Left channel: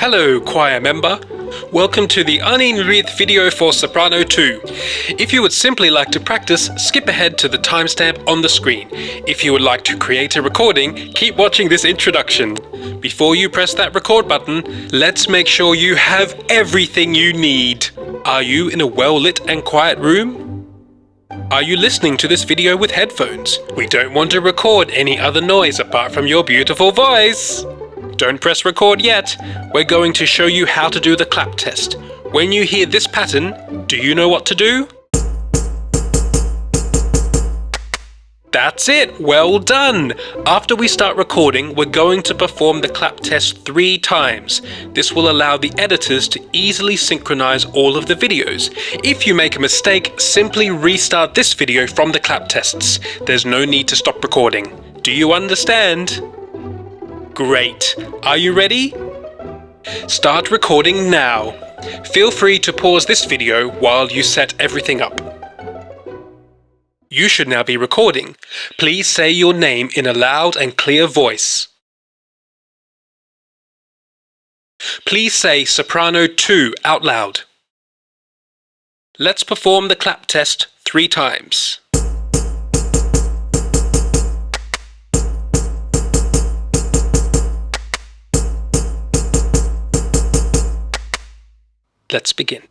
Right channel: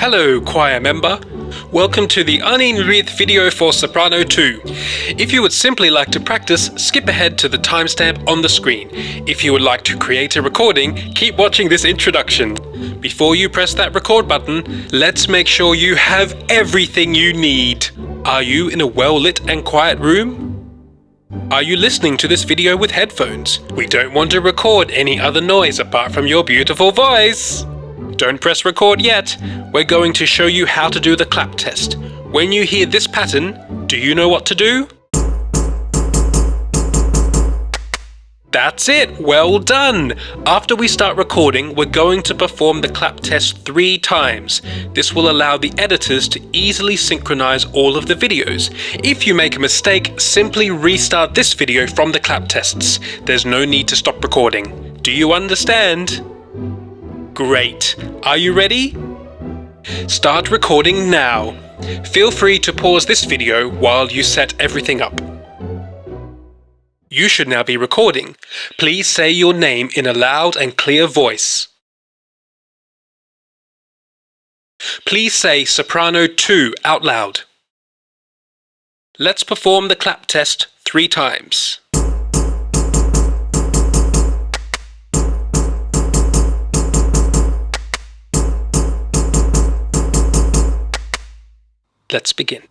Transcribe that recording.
Hello, choir member. Welcome to the rhith video for Soprano 2. If you would simply like to practice, skip ahead to the timestamp on the screen. If you would like to create a recording, keep watching this introduction. Before you press that record button, let's make sure you have everything you need. Are you in a well-lit and quiet room? Are you listening to this video with headphones? We don't want to record any other noise apart from your beautiful voice. Don't press record yet. We're going to show you how to do the clap test. When you hear this pattern, do you know what to do? That's it! Well done! After we start recording, we're going to perform the clap test 3 times. This will allow the editors to easily synchronize all of the videos. If you make a mistake, simply restart this video from the clap tests. There's no need to stop recording. Do you understand? Great! Are you ready? Start recording now. Feel free to pause this video while you set everything up. You should now be recording. Please say your name in a loud and clear voice. Please say Soprano 2 out loud. Let's perform the clap test 3 times. Let's begin.